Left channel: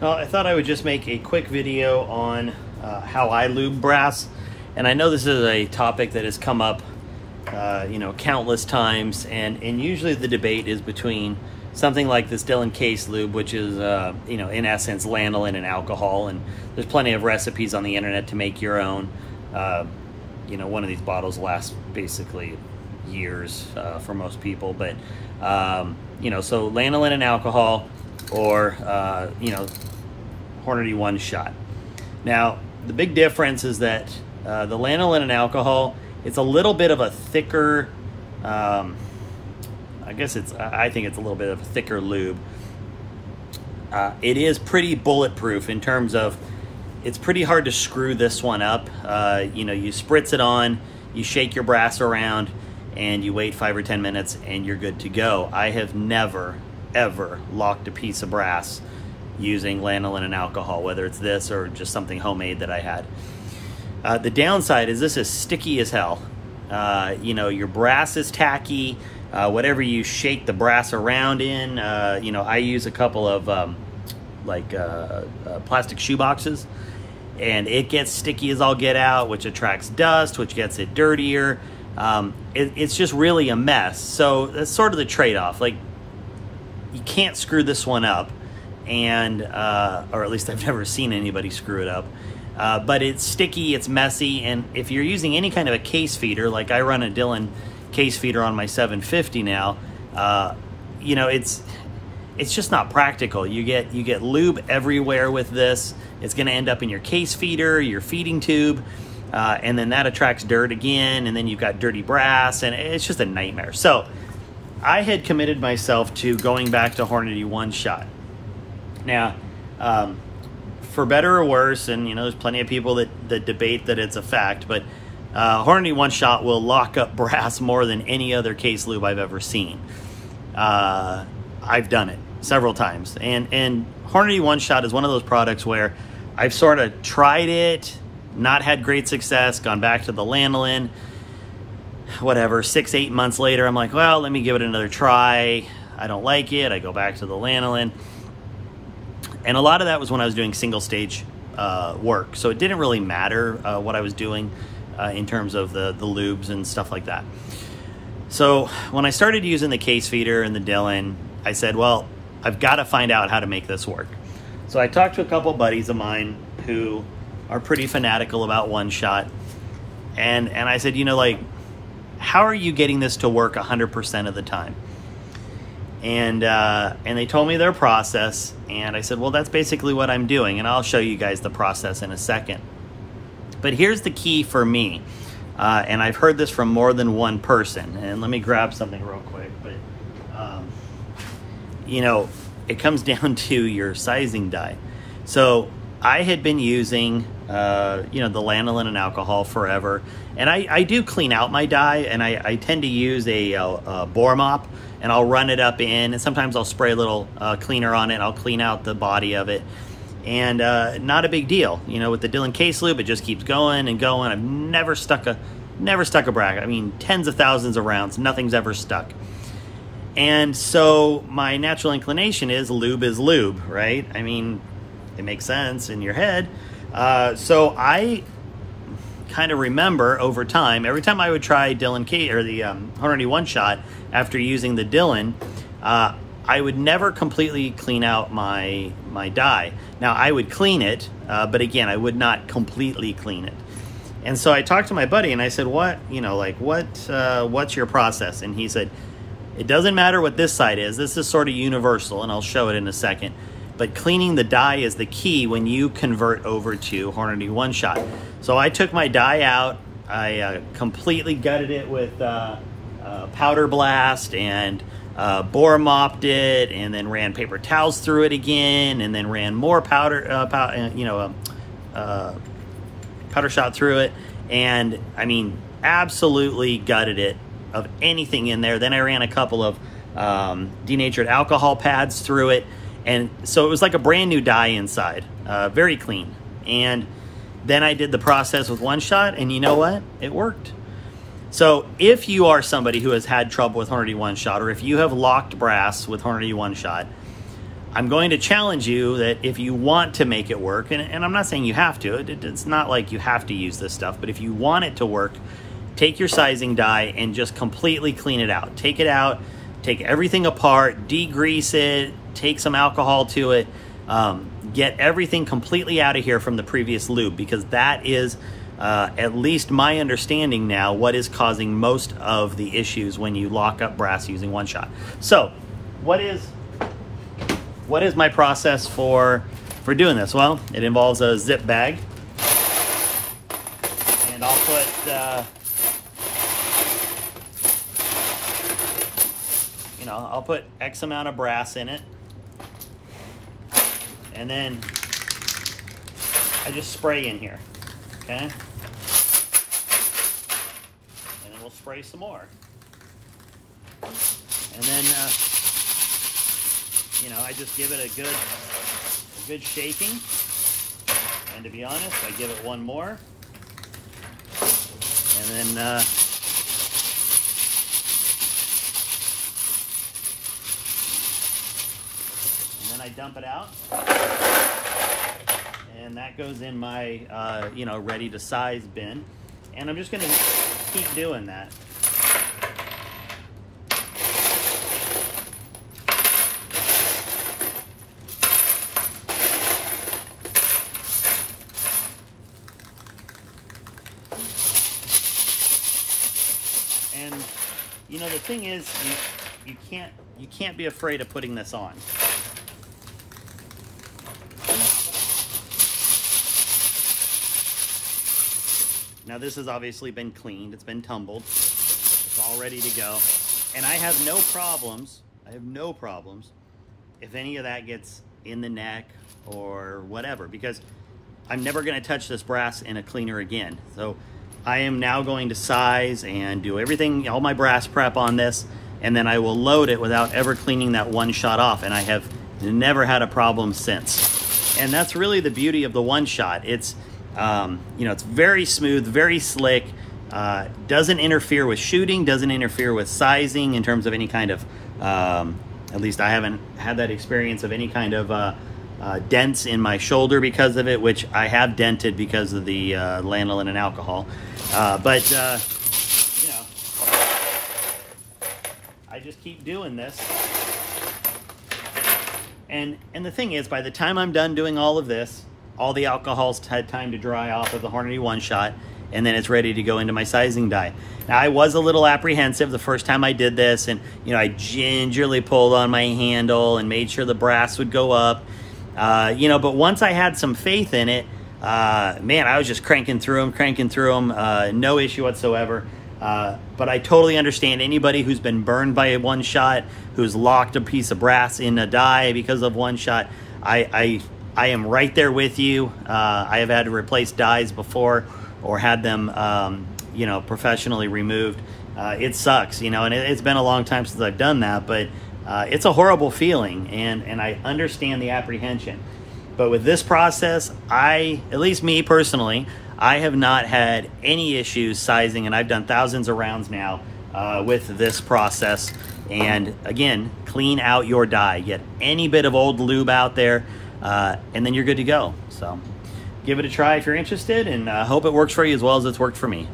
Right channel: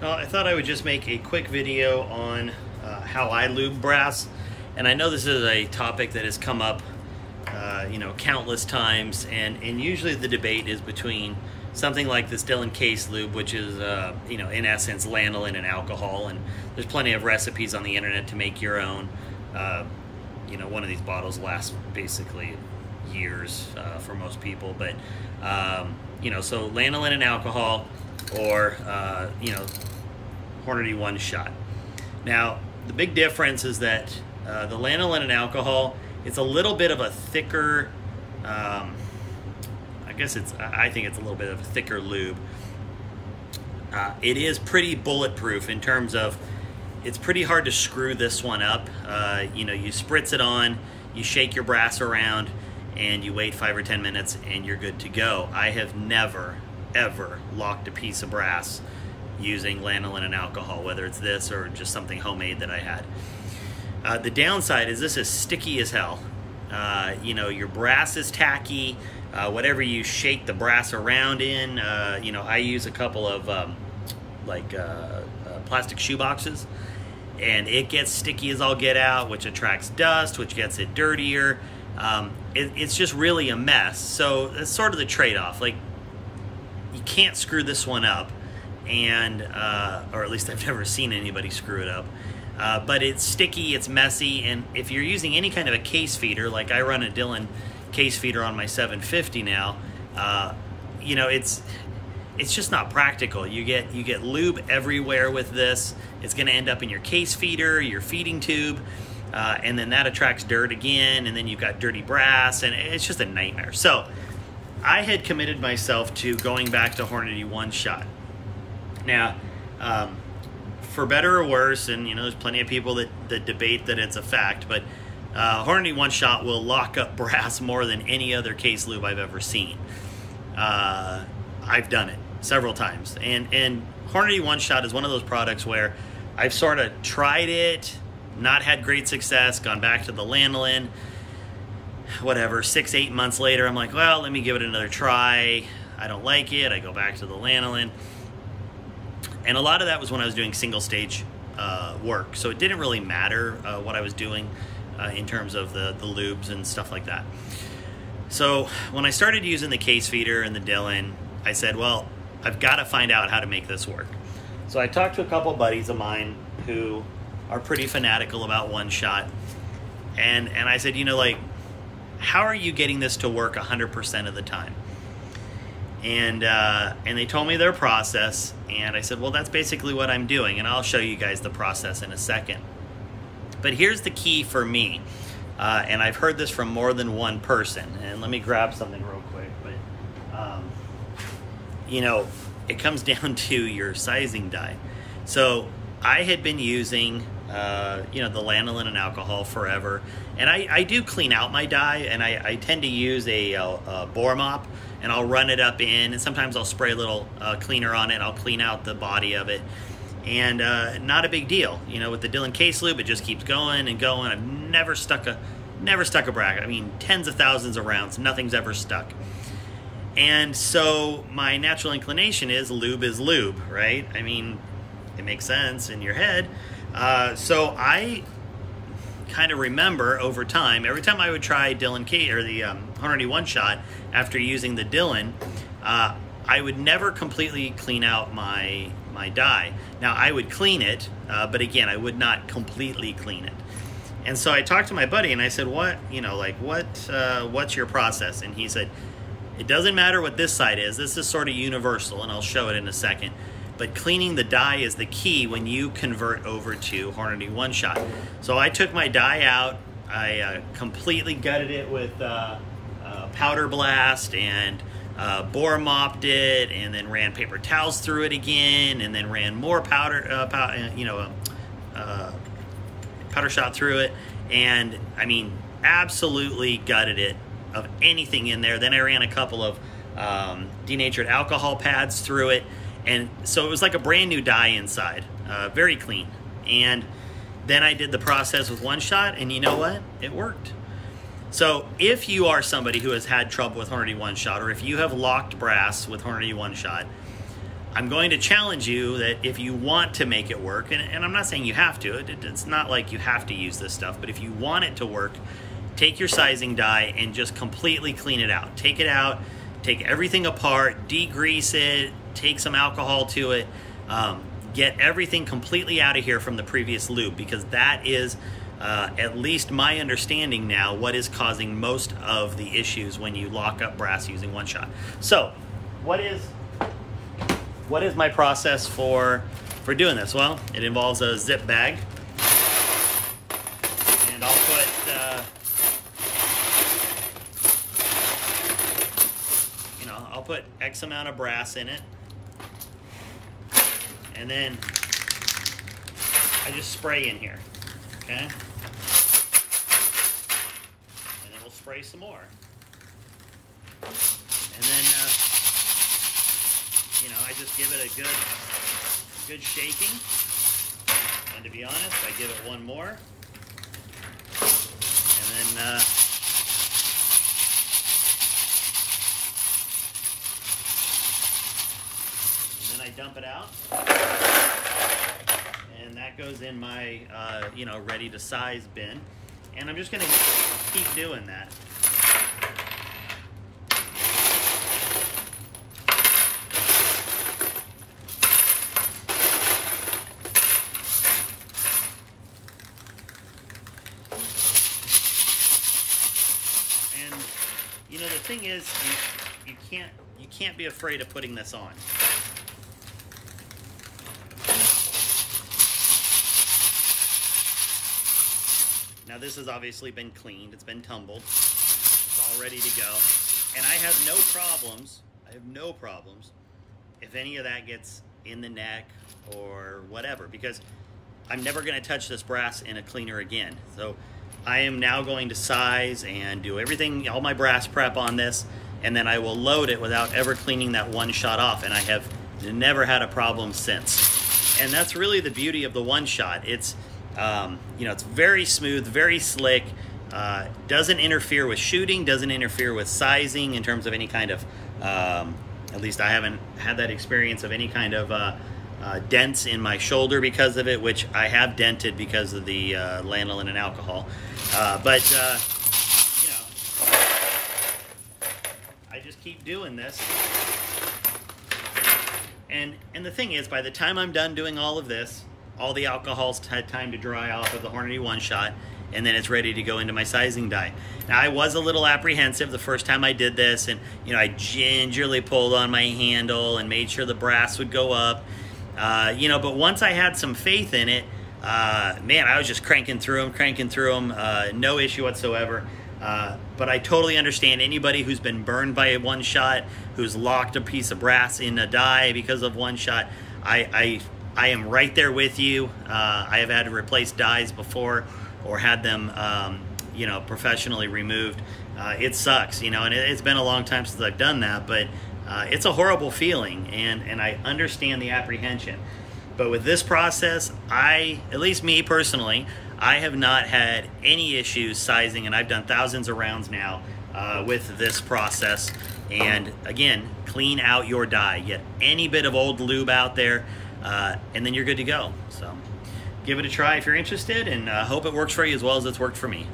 Well, I thought I would just make a quick video on how I lube brass. And I know this is a topic that has come up, countless times. And usually the debate is between something like this Dillon case lube, which is, in essence, lanolin and alcohol. And there's plenty of recipes on the internet to make your own. One of these bottles lasts basically years for most people. But, so lanolin and alcohol, or, Hornady one shot. Now, the big difference is that the lanolin and alcohol, it's a little bit of a thicker, I think it's a little bit of a thicker lube. It is pretty bulletproof in terms of, it's pretty hard to screw this one up. You spritz it on, you shake your brass around, and you wait 5 or 10 minutes and you're good to go. I have never, ever locked a piece of brass using lanolin and alcohol, whether it's this or just something homemade that I had. The downside is this is sticky as hell. Your brass is tacky. Whatever you shake the brass around in, I use a couple of plastic shoe boxes, and it gets sticky as all get out, which attracts dust, which gets it dirtier. It's just really a mess. So that's sort of the trade-off. Like, you can't screw this one up, and or at least I've never seen anybody screw it up. But it's sticky, it's messy, and if you're using any kind of a case feeder, like I run a Dillon case feeder on my 750 now, it's just not practical. You get lube everywhere with this. It's going to end up in your case feeder, your feeding tube, and then that attracts dirt again, and then you've got dirty brass, and it's just a nightmare. So I had committed myself to going back to Hornady one shot. Now, for better or worse, and there's plenty of people that debate that it's a fact, but Hornady one shot will lock up brass more than any other case lube I've ever seen. I've done it several times, and Hornady one shot is one of those products where I've sort of tried it, not had great success, gone back to the lanolin, whatever, 6-8 months later, I'm like, well, let me give it another try. I don't like it. I go back to the lanolin. And a lot of that was when I was doing single stage work. So it didn't really matter what I was doing in terms of the lubes and stuff like that. So when I started using the case feeder and the Dillon, I said, well, I've got to find out how to make this work. So I talked to a couple buddies of mine who are pretty fanatical about one shot. And I said, how are you getting this to work 100% of the time? And they told me their process, and I said, well, that's basically what I'm doing, and I'll show you guys the process in a second. But here's the key for me, and I've heard this from more than one person, and let me grab something real quick, but, it comes down to your sizing die. So I had been using, the lanolin and alcohol forever, and I do clean out my die, and I tend to use a bore mop, and I'll run it up in, and sometimes I'll spray a little cleaner on it. I'll clean out the body of it, and not a big deal. With the Dillon case lube, it just keeps going and going. I've never stuck a bracket. I mean, tens of thousands of rounds, nothing's ever stuck. And so my natural inclination is lube, right? I mean, it makes sense in your head. So I kind of remember over time, every time I would try Dillon or the Hornady one shot after using the Dillon, I would never completely clean out my die. Now I would clean it, but again, I would not completely clean it. And so I talked to my buddy and I said, what's your process? And he said, it doesn't matter what this side is. This is sort of universal, and I'll show it in a second. But cleaning the die is the key when you convert over to Hornady one shot. So I took my die out, I completely gutted it with powder blast, and bore mopped it, and then ran paper towels through it again, and then ran more powder shot through it, and I mean, absolutely gutted it of anything in there. Then I ran a couple of denatured alcohol pads through it. And so it was like a brand new die inside, very clean. And then I did the process with one shot, and you know what? It worked. So if you are somebody who has had trouble with Hornady one shot, or if you have locked brass with Hornady one shot, I'm going to challenge you that if you want to make it work, and I'm not saying you have to, it's not like you have to use this stuff, but if you want it to work, take your sizing die and just completely clean it out. Take it out, take everything apart, degrease it, take some alcohol to it, get everything completely out of here from the previous lube, because that is, at least my understanding now, what is causing most of the issues when you lock up brass using one shot. So, what is my process for doing this? Well, it involves a zip bag, and I'll put I'll put X amount of brass in it, and then I just spray in here, okay? And then we'll spray some more, and then I just give it a good shaking, and to be honest, I give it one more, and then I dump it out, and that goes in my ready to size bin, and I'm just going to keep doing that. And the thing is, you can't be afraid of putting this on. Now this has obviously been cleaned, it's been tumbled, it's all ready to go. And I have no problems if any of that gets in the neck or whatever, because I'm never gonna touch this brass in a cleaner again. So I am now going to size and do everything, all my brass prep on this, and then I will load it without ever cleaning that one shot off, and I have never had a problem since. And that's really the beauty of the one shot. It's it's very smooth, very slick, doesn't interfere with shooting, doesn't interfere with sizing in terms of any kind of, at least I haven't had that experience of any kind of dents in my shoulder because of it, which I have dented because of the Lanolin and Alcohol. I just keep doing this. And the thing is, by the time I'm done doing all of this, all the alcohol's had time to dry off of the Hornady one shot, and then it's ready to go into my sizing die. Now, I was a little apprehensive the first time I did this, and I gingerly pulled on my handle and made sure the brass would go up. But once I had some faith in it, man, I was just cranking through them, no issue whatsoever. But I totally understand anybody who's been burned by a one shot, who's locked a piece of brass in a die because of one shot. I am right there with you. I have had to replace dies before, or had them, professionally removed. It sucks, and it's been a long time since I've done that, but it's a horrible feeling, and I understand the apprehension. But with this process, at least me personally, I have not had any issues sizing, and I've done thousands of rounds now with this process. And again, clean out your die. Get any bit of old lube out there, and then you're good to go. So give it a try if you're interested, and hope it works for you as well as it's worked for me.